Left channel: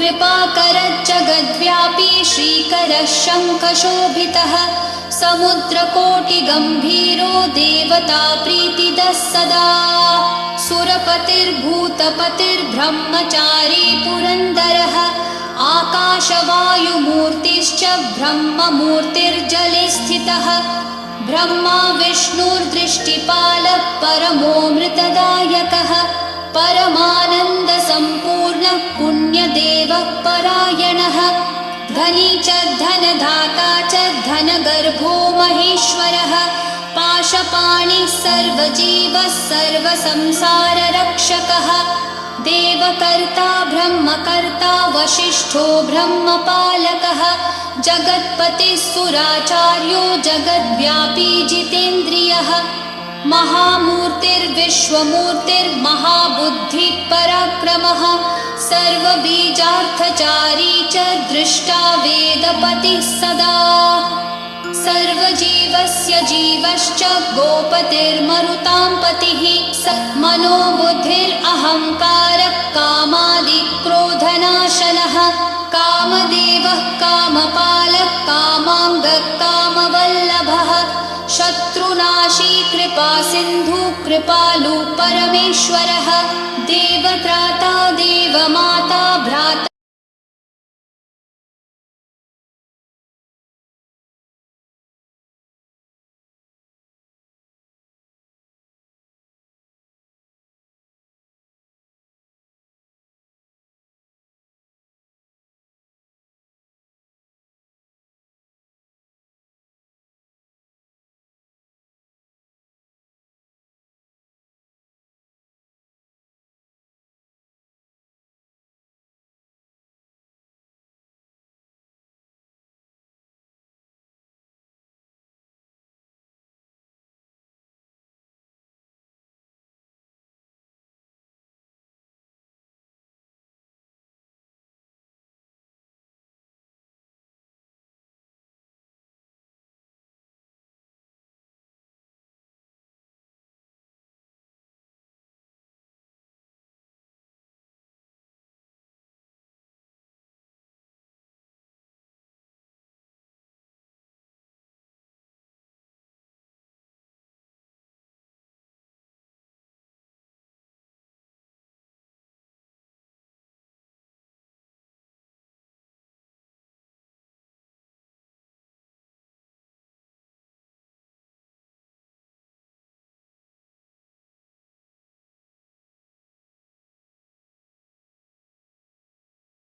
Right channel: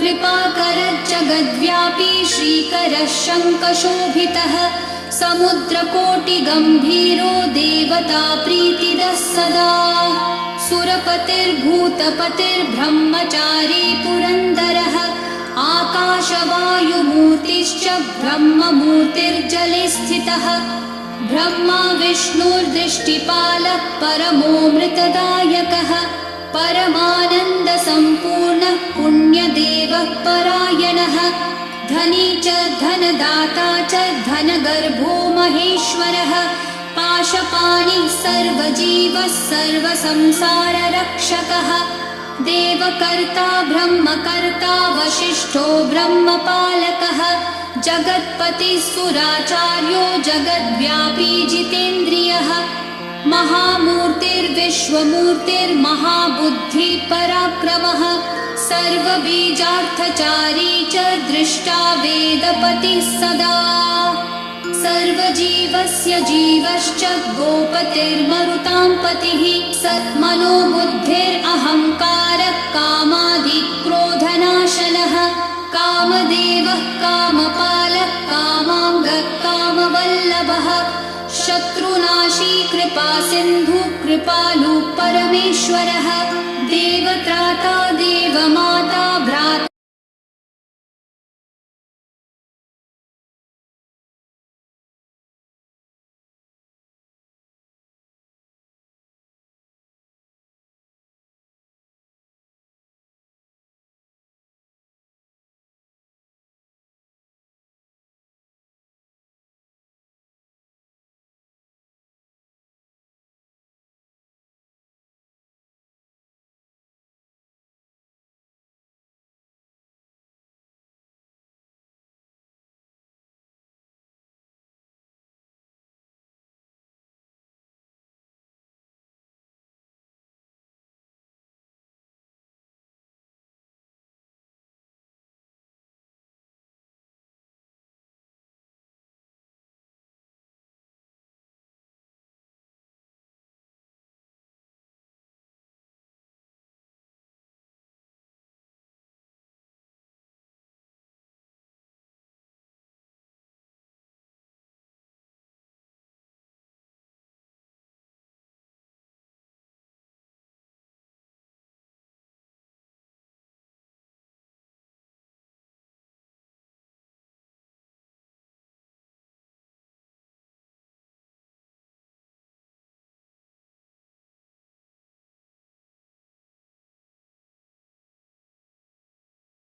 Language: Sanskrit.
कृपाकरज्जगद्व्यापी श्रीकरः शङ्खशोभितः समुद्रकोटिगम्भीरो देवता प्रीतिदः सदा सुरपतिर्भूतपतिर्ब्रह्मचारी पुरन्दरः आकाशवायुमूर्तिश्च ब्रह्ममूर्तिर्जले स्थितः ब्रह्मा विष्णुर्दृष्टिपालः परमोऽमृतदायकः परमानन्दसम्पूर्णः पुण्यदेवः परायणः धनी च धनदाता च धनगर्भो महेश्वरः पाशपाणिः सर्वजीवः सर्वसंसाररक्षकः देवकर्ता ब्रह्मकर्ता वसिष्ठो ब्रह्मपालकः जगत्पतिः सुराचार्यो जगद्व्यापी जितेन्द्रियः महामूर्तिर्विश्वमूर्तिर्महाबुद्धिः पराक्रमः सर्वबीजार्थचारी च दृष्टा वेदपतिः सदा सर्वजीवस्य जीवश्च गोपतिर्मरुतां पतिः सन्मनोबुद्धिरहङ्कारः कामादिक्रोधनाशनः कामदेवः कामपालः कामाङ्गः कामवल्लभः शत्रुनाशी कृपासिन्धु कृपालु परमेश्वरः देवत्राता देवमाता भ्राता